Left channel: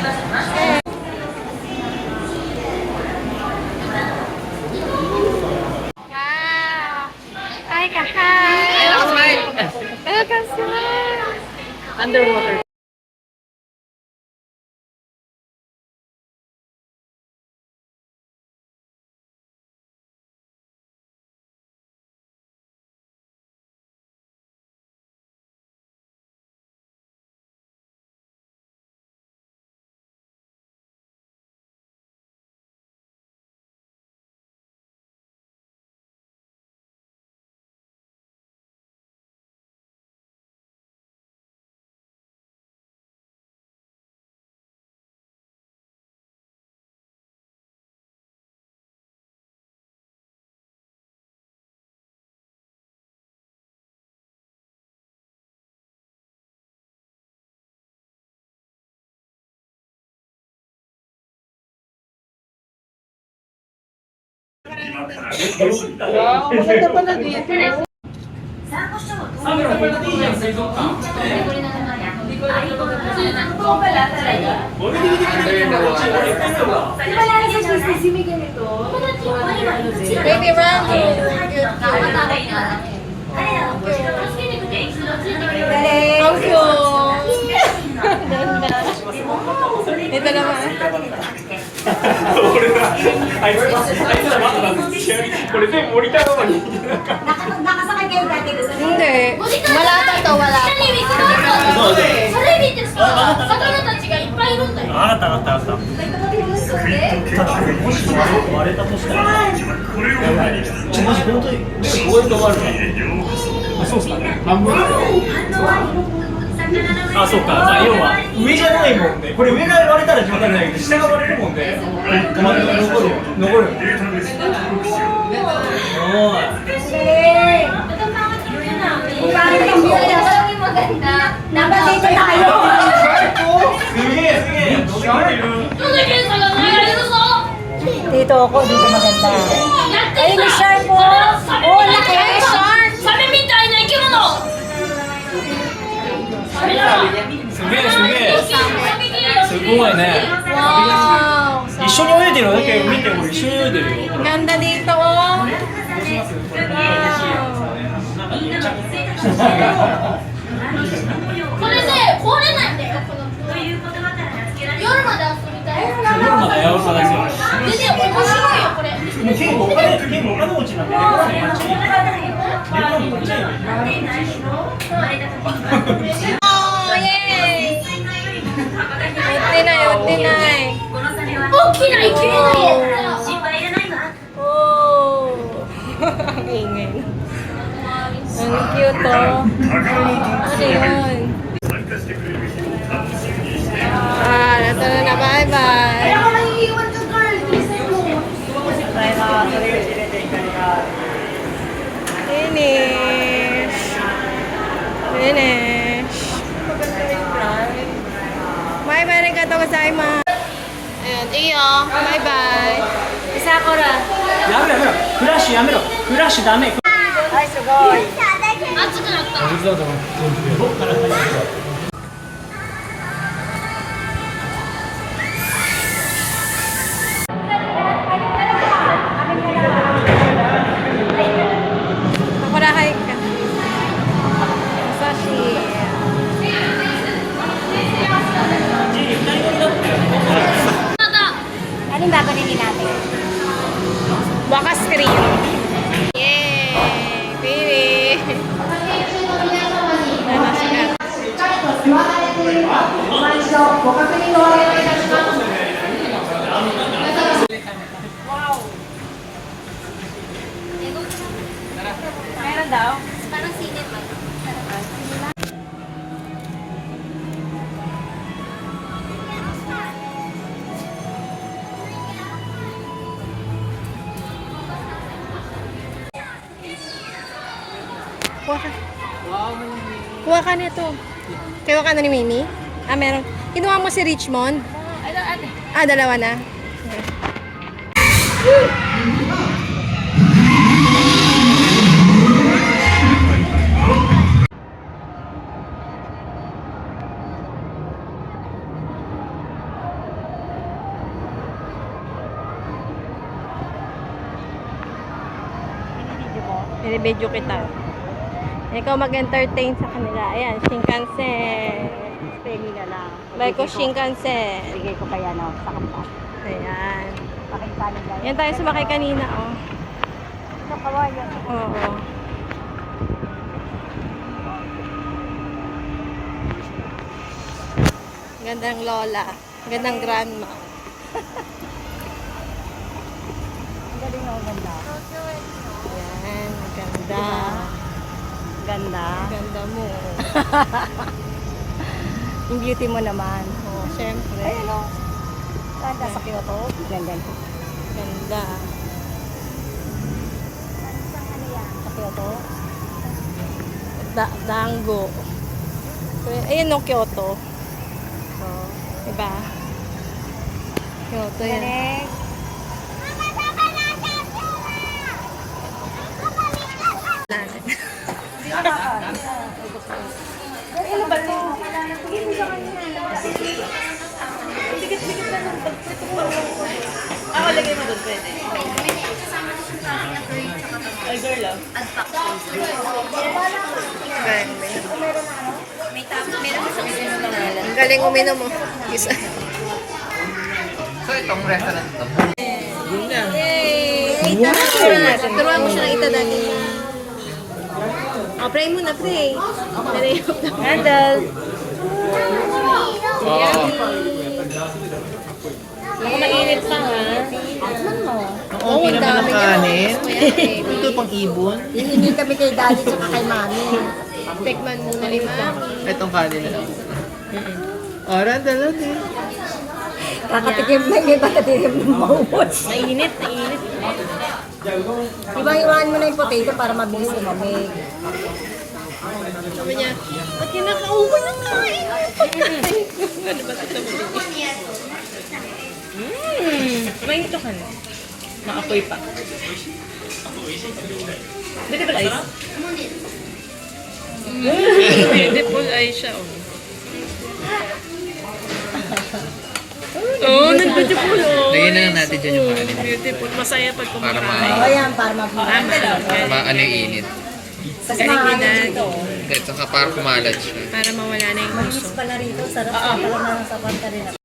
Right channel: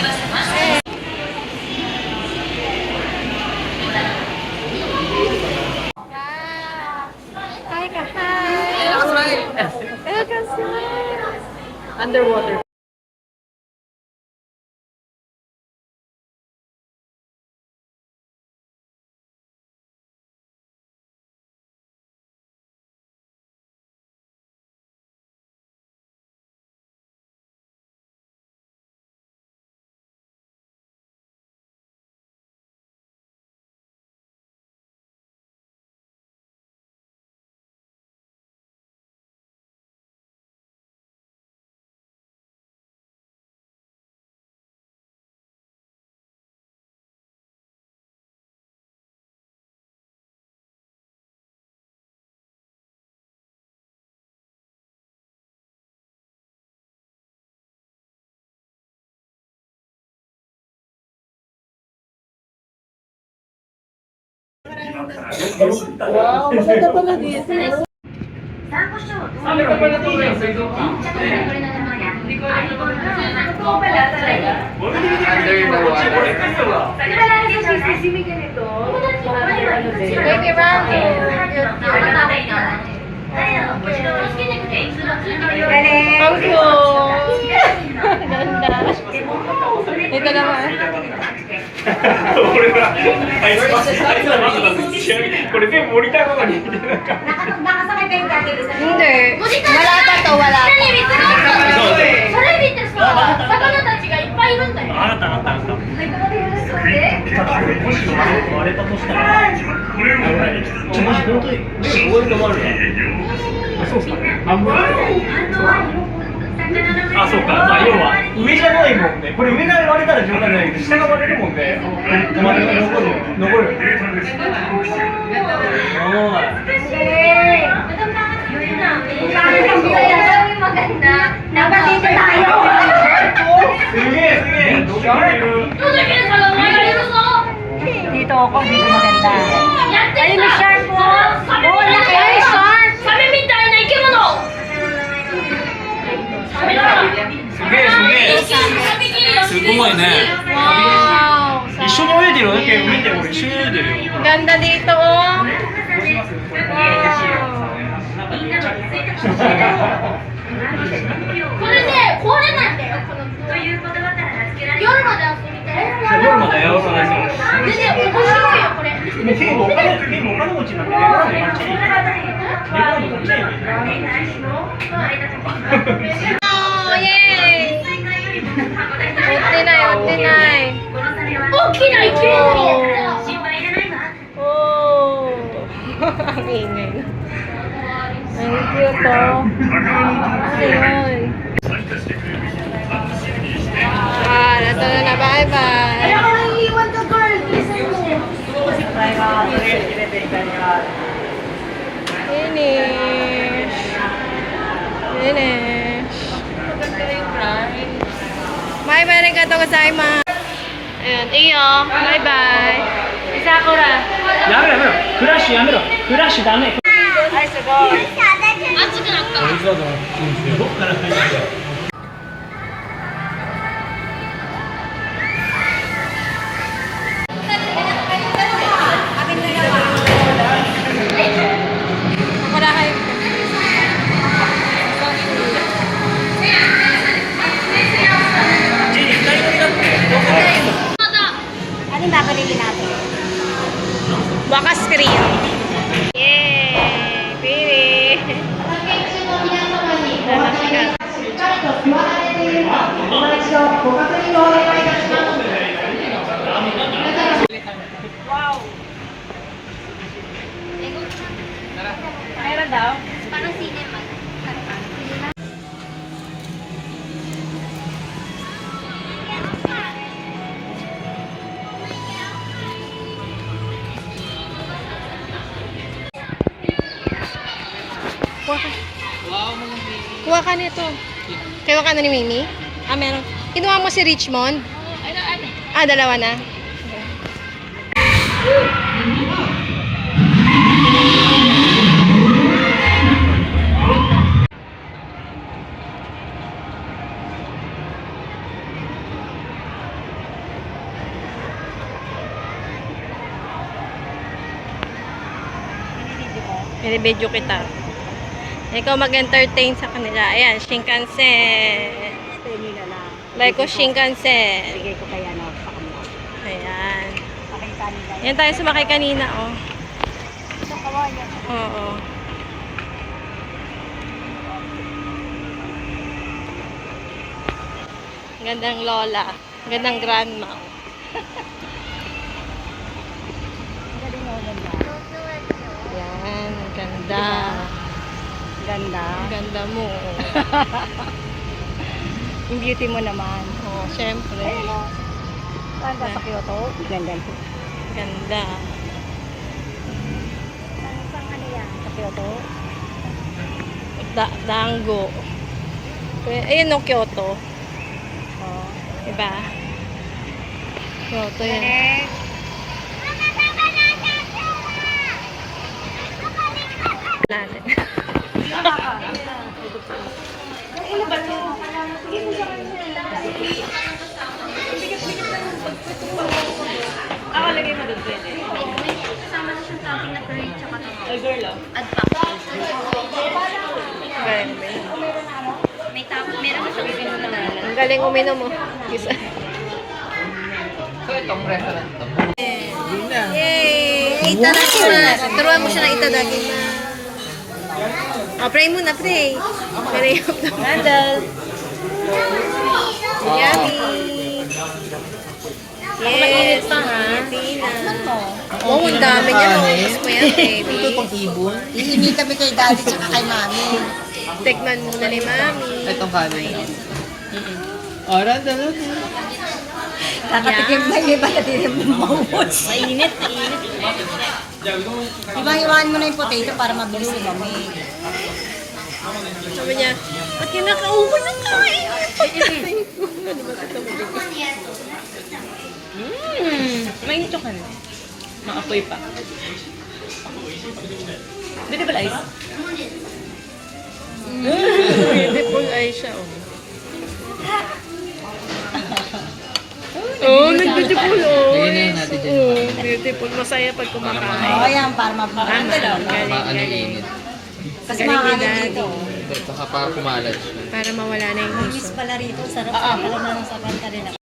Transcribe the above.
Wow. Hi, Kahay. Welcome, smile. Underwater. Maganda pala dito. Sabi ko pala dito sa ito ka. Hindi ko alam ito pala talaga. Under the water. Di ba lang yung sisimi ganito? Baby Randy. Ang cute. Ganda. Ito naman. あいつら待ってた。これ全部モニターなのに。 Nakasakay kayo dati doon sa Hindi. Wala pa to, wala pa. それ見てさ、魚たちがいっぱいいるんだよ。あったあったあった。割れたとしたら。もし本当にこういうのもあるな。そうっすか。半分。あ、そうか。まあ要は上じゃないもんね。これ上が割れたら冗談じゃないけど下が割れるもんね。まだ残るよ。残る。おい。Nabalik tayo! すげえすげえ。どんだけ魚がいるぞ。 Dito ako, dito maganda. やってる Ayun, may shark po! Oh, laki! Ay, shark! サメみたいな生き物。サメだ。すげえすげえ。すごいね。 Wow. 一緒に泳いでるだけ見て俺一緒に泳いでるよ。 Ganda dito, oh. Wow. これね、壊れないんだよ。この夜まで遊びたい。夜までやろうかな。でね、面白いよこれ。結構お金持ちなんだね。Oh, yay! 売ってない、売ってない。大きな生き物や。 Oh. Ang ingay. Ang cute, oh. Ano yun? Ah, nasa na. Bye-bye. Ako nang iiwan ka, girl! Finish. Finish. Bye-bye, arigatou gozaimasu. Ayan, iyo. Bye-bye. Sakura. やめろやめろ。フラッシュやめろ。フラッシュダメ。Ay,すごい。熱くなった。Murahay ka. Sashi. ジェリー二人乗りだって。 Ano ba pa nila natin? Baka screen. Yay! Finish! 座られているか、今一度ご確認をお願いいたします。 Meron daw? Parang cinema. Kuha ka. Kuha ka nito. Kuha ka na ni Mimi? Ah, meron. Kinuha mo si Richmond? Ah, dalawa na. Binibidyo kita. Ikaw mag-entertain sa kanila. Ayan, Shinkansen. Penny na lang. Like ko Shinkansen. Bigay ko kaya na sa kanila. Ayan. Pakita nila. Yan tayo sumakay kanina, oh. Ito kawayan. Oo. Gandang lola. Gandang grandma. Ang galing ako ganda. Yan, ganda. Ganda. Ganda mo. Yung beauty mo naman. Oh, syempre. Ay, ano? Saan ba sa Kyoto? Ganda. Ganda. Saan ano yan? Sa Kyoto? Dango. Ayun, no, Kyoto. Oh, diba? Kyoto yan. Next. Natin. Ano ba ito? Sige mo sa kanya. Ako lagay mo doon pwede. Ay, girl ah. Galing uminom. Ang galing uminom mo. Isa. So, itong restaurant ito. Yay! Ito na siya. Turuan mo siya na ito dati. Oh, pray muna, pray. Pray. Handle. Yay! pa ha. Oo, ang dami niya. Ito pang ibon. Iingi kami kay daddy tsaka kay mami. Tikman muna ni mami. Itong kanin. Oh, randa lang eh. Kakatikim na iba katikim ng maubos. Mainit, mainit. Iba-iwain mo na yung potato para mabilis na lamig. Sabi niya, ba't kinakauban na nga? Ano ba ito mo? Mainito ka na. Nakapoy pa. Beautiful eyes. Beautiful ay siya, oh. Oh, nag-beautiful, oh. Lagyan na lang natin dyan yung kanin. Beautiful. Masaya pag kumakain. Oo yan, para mabilis. Ano yung init. Kasi marami dito. Ito ka para kumalat siya. Para mawala na yung gusto. Miss pala rito, sarap pala ng sarap ka rin.